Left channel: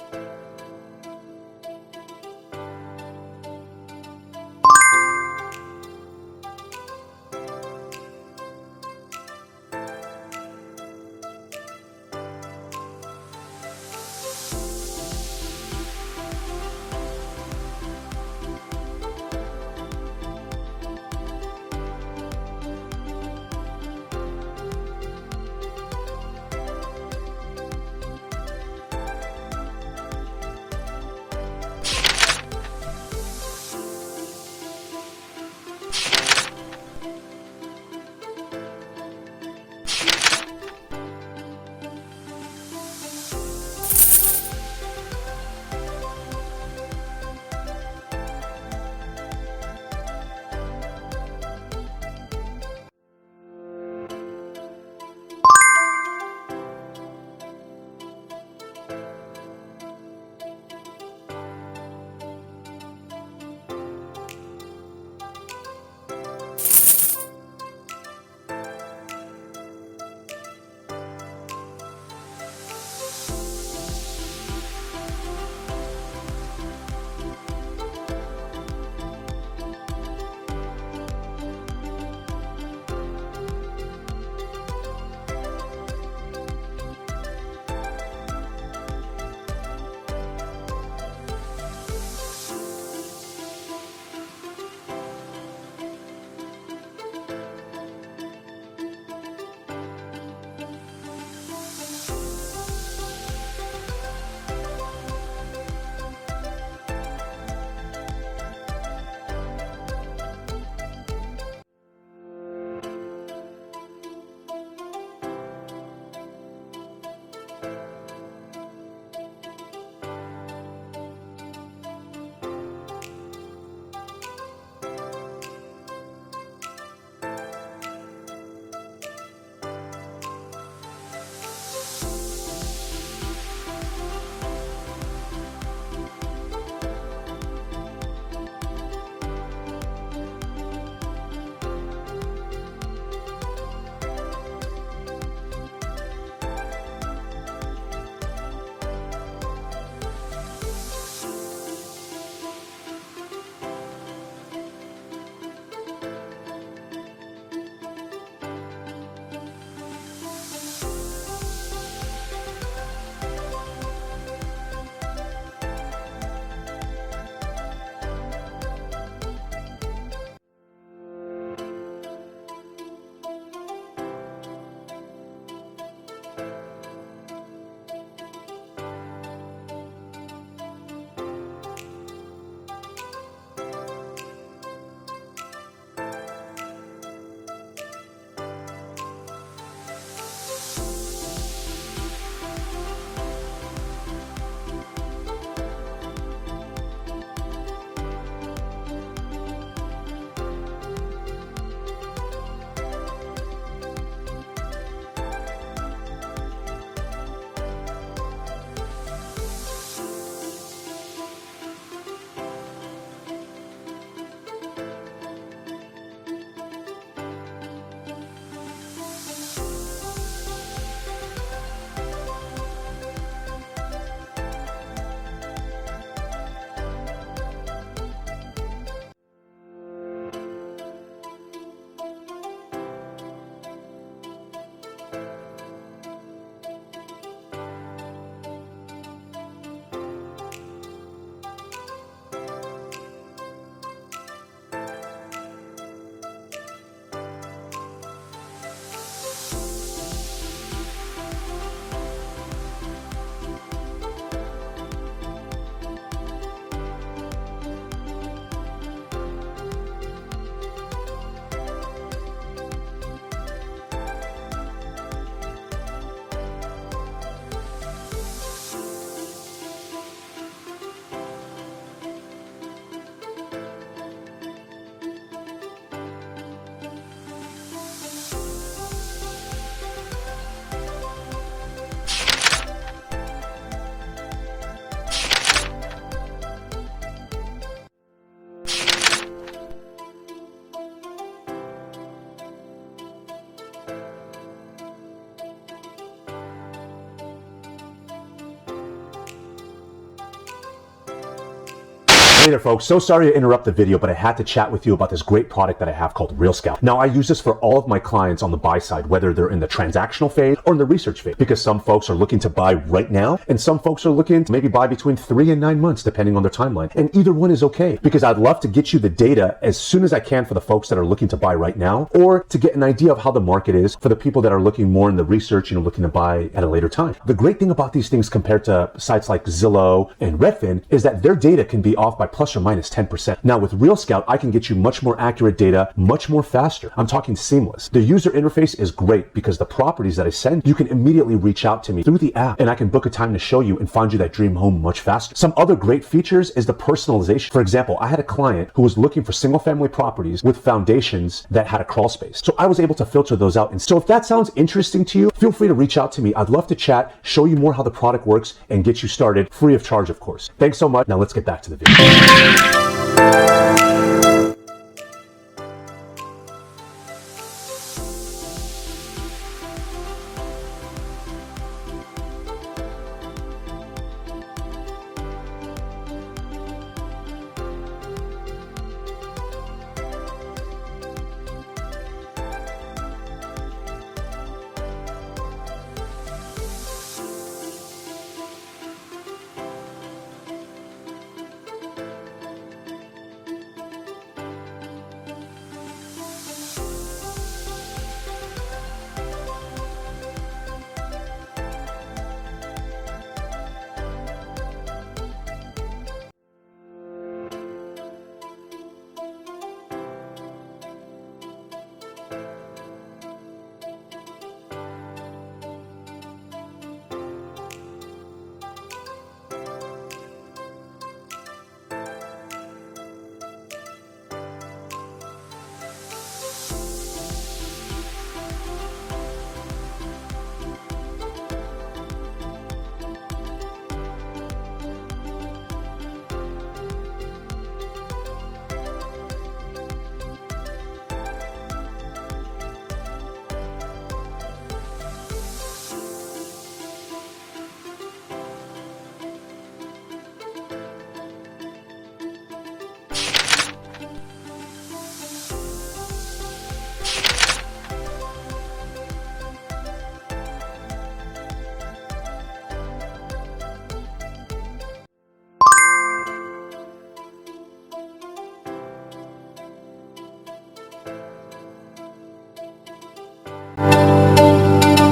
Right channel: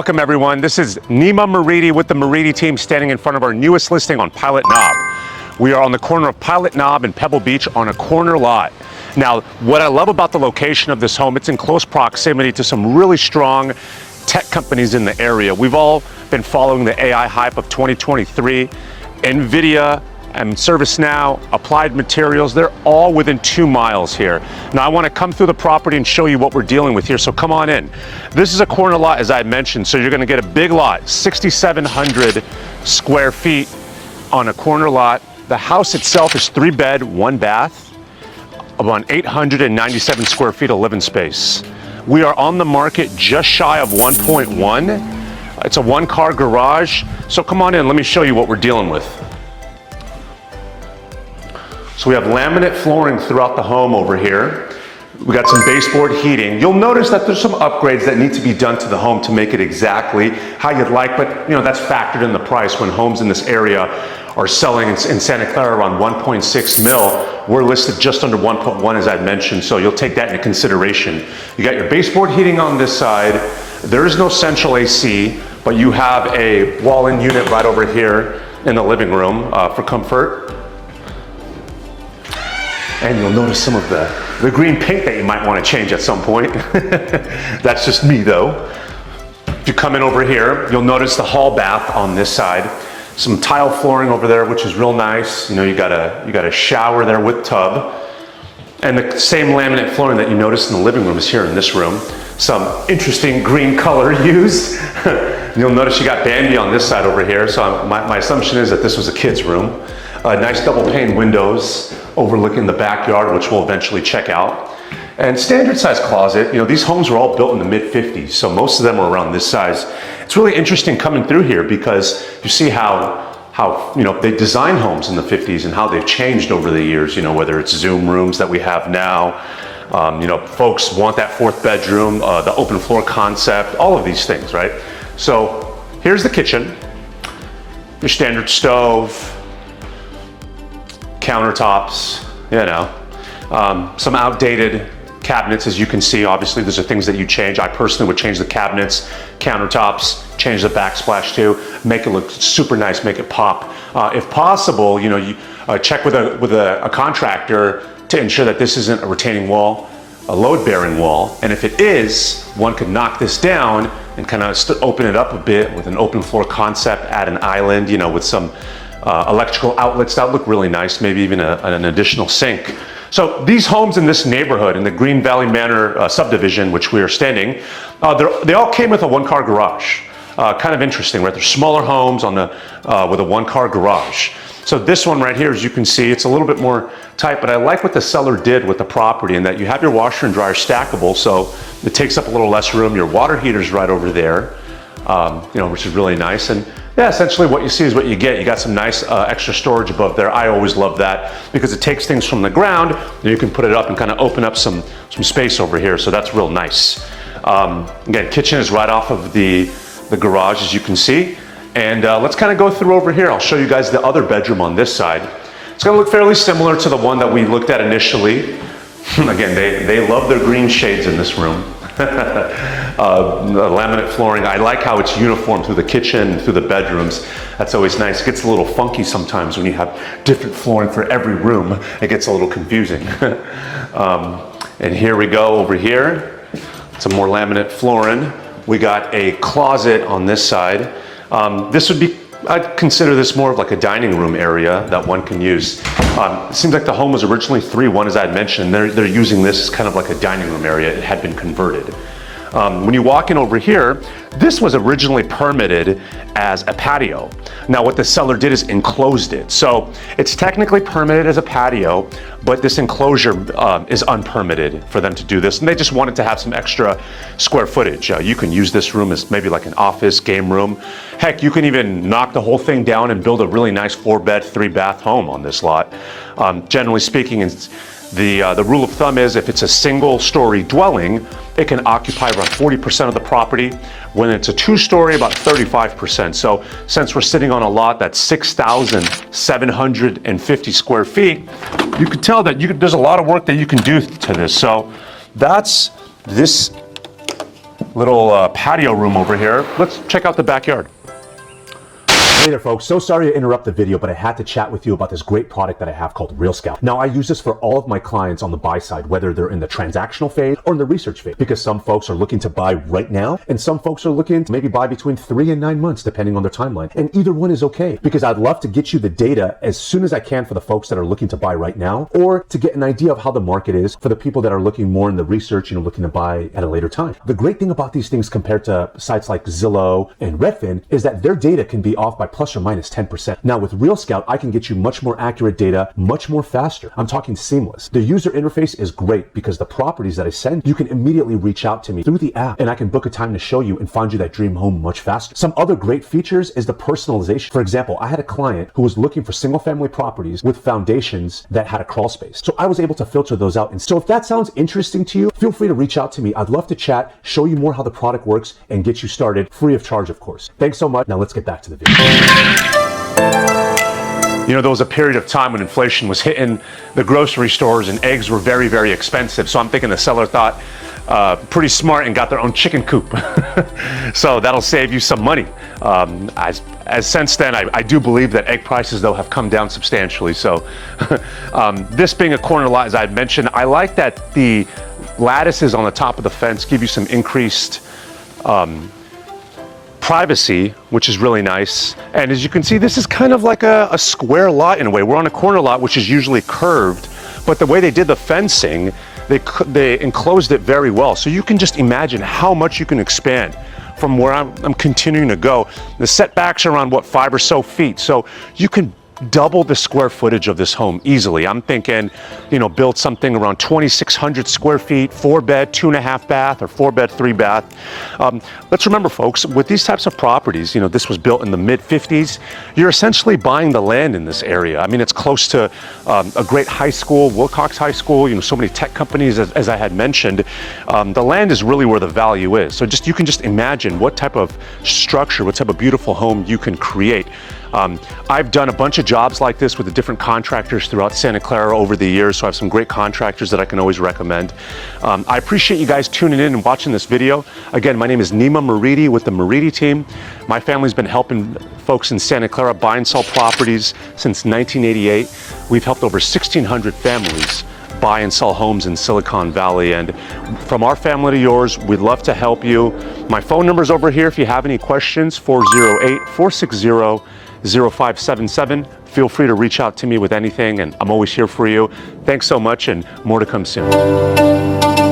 Welcome everyone. This is Nima Moridi with the Moridi team standing in front of our newest listing on Pilot Knob. We are on the corner of Pilot Knob and Pebble Beach on a corner lot. Now, what I love about the location of this home, it's in close proximity to some really strong tech companies in the area. We've all been following the AI hype of 2023. Nvidia and ServiceNow, Applied Materials, they're all within 2 miles here. Now I want to come through the property and show you what we're dealing with here, so come on in. This is a corner lot, as I mentioned, so you're going to get a big lot, 6,700 square feet on a corner lot. The house itself is 3 bed, 1 bath, about 897 square feet of living space. We are on the market just shy of 1.1. It's a 1-car garage, so come on in, let me show you what we're dealing with. So we have laminate flooring throughout the home over here. We got some baseboard heating. You'll notice that there's some upgrades that need to be done to the home to make it exactly how you'd like, but that's factored in the price when homes in this area are selling in Santa Clara around 1.6 mil. We're listed just under 1.1 as I mentioned, so you'll take that into consideration. You got your baseboard heating on this side. There is no central AC, but you have a wall-in unit right over here in the living room for comfort. And you'll notice some of the green paint that you might want to change at some point. That's just me though. If you come in over here, you'll notice the hall bath on this side. Some tile flooring over there, which is real nice. You got a shower there with tub. And the same laminate flooring that you noticed in the living room is here in this room. Some interesting green color used. You'll notice you got Bambi on this side over here. So my assumption is that this was a kid's room. Nice double pane windows overlooking the backyard, which we'll eventually check out. And standard size closet. These homes were all built in the mid-50s, so most of them are around this size. It's really interesting coming through here because you see how they design homes in the 50s and how they've changed over the years, whether it's Zoom rooms that we have now. Folks want that 4th bedroom, the open floor concept, all of these things, right? So here's the kitchen, your standard stove, countertops, some outdated cabinets, as you can see. Obviously, those are things that you change. I personally would change the cabinets, countertops, change the backsplash too, make it look super nice, make it pop. If possible, you check with a contractor to ensure that this isn't a retaining wall, a load-bearing wall, and if it is, one could knock this down and kind of open it up a bit with an open floor concept, add an island, with some electrical outlets that look really nice, maybe even an additional sink. So these homes in this neighborhood, in the Green Valley Manor subdivision, which we are standing, they all came with a 1-car garage. Kind of interesting, right? They're smaller homes with a 1-car garage. So this one right here, as you can see, it's a little bit more tight, but I like what the seller did with the property in that you have your washer and dryer stackable, so it takes up a little less room. Your water heater's right over there, which is really nice. And yeah, essentially what you see is what you get. You got some nice extra storage above there. I always love that because it takes things from the ground, and you can put it up and kind of open up some space over here. So that's real nice. Again, kitchen is right off of the garage, as you can see. And let's kind of go through over here. I'll show you guys the other bedroom on this side. It's going to look fairly similar to the one that we looked at initially. Again, they love their green shades in this room. Laminate flooring. I like how it's uniform through the kitchen and through the bedrooms. That's always nice. It gets a little funky sometimes when you have different flooring for every room. It gets a little confusing. And here we go over here. Some more laminate flooring. We got a closet on this side. I'd consider this more of like a dining room area that one can use. It seems like the home was originally 3-1, as I had mentioned. They're using this as kind of like a dining room area. It had been converted. When you walk in over here, this was originally permitted as a patio. Now what the seller did is enclosed it. So it's technically permitted as a patio, but this enclosure is unpermitted for them to do this. And they just wanted to have some extra square footage. You can use this room as maybe like an office, game room. Heck, you can even knock the whole thing down and build a really nice 4-bed, 3-bath home on this lot. Generally speaking, the rule of thumb is if it's a single-story dwelling, it can occupy around 40% of the property. When it's a 2-story, about 35%. So since we're sitting on a lot that's 6,750 square feet, you can tell that there's a lot of work that you can do to this. So that's this little patio room over here. Let's check out the backyard. Hey there folks, so sorry to interrupt the video, but I had to chat with you about this great product that I have called Real Scout. Now I use this for all of my clients on the buy side, whether they're in the transactional phase or in the research phase, because some folks are looking to buy right now and some folks are looking to maybe buy between 3 and 9 months depending on their timeline. And either one is okay, because I'd love to get you the data as soon as I can for the folks that are looking to buy right now, or to get an idea of how the market is for the people that are looking more in the research, looking to buy at a later time. The great thing about these things compared to sites like Zillow and Redfin is that their data can be off by plus or minus 10%. Now with Real Scout, I can get you much more accurate data, much more faster. I'm talking seamless. The user interface is great because the properties that I send, you can immediately reach out to me through the app and I can book a time to show you and find you that dream home much faster. Some other great features is the personalization. For example, I had a client who was looking for single family properties with foundations that had a crawl space. So I was able to filter those out. And so if that sounds interesting to you, feel free to reach out to me. I'd love to chat, show you more how the product works and get you started free of charge, of course. Thanks so much. Now let's get back to the video. There was a period of time when inflation was hitting the grocery stores and eggs were very, very expensive. So I'm thinking the seller thought pretty smart and got their own chicken coop. So that'll save you some money. As since then, I do believe that egg prices though have come down substantially. So this being a corner lot, as I mentioned, I like that the lattices on the top of the fence give you some increased privacy, which is really nice. And as you can see, this is kind of like a square lot in a way. We're on a corner lot, which is usually curved, but the way they did the fencing, they enclosed it very well. So you can just imagine how much you can expand from where I'm continuing to go. The setbacks are around, 5 or so feet. So you can double the square footage of this home easily. I'm thinking, build something around 2,600 square feet, 4-bed, 2.5 bath, or 4-bed, 3-bath. Let's remember, folks, with these types of properties, this was built in the mid-50s. You're essentially buying the land in this area. I mean, it's close to a great high school, Wilcox High School, so many tech companies, as I had mentioned. The land is really where the value is. So you can just imagine what type of structure, what type of beautiful home you can create. I've done a bunch of jobs like this with the different contractors throughout Santa Clara over the years, so I have some great contractors that I can always recommend. I appreciate you guys tuning in and watching this video. Again, my name is Nima Moridi with the Moridi team. My family's been helping folks in Santa Clara buy and sell properties since 1988. We've helped over 1,600 families buy and sell homes in Silicon Valley, and from our family to yours, we'd love to help you. My phone number's over here if you have any questions, 408-460-0577. Feel free to reach out to me with anything, and I'm always here for you. Thanks so much, and more to come soon.